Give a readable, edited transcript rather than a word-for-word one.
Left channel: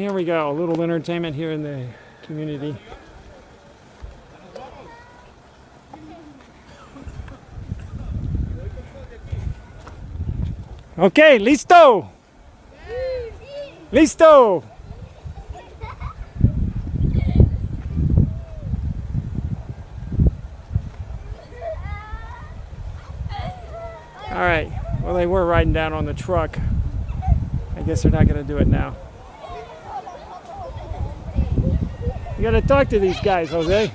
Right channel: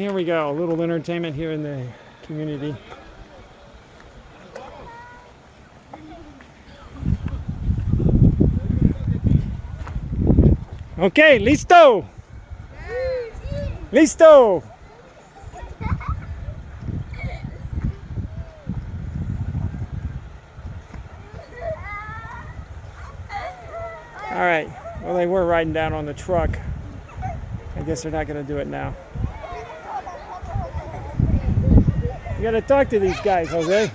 Here we go, a little entertainment here in the community. Okay, listo! Listo! All right, well, they were riding down on the truck. I guess they're not going to do it now. You got to talk to these guys, Jose.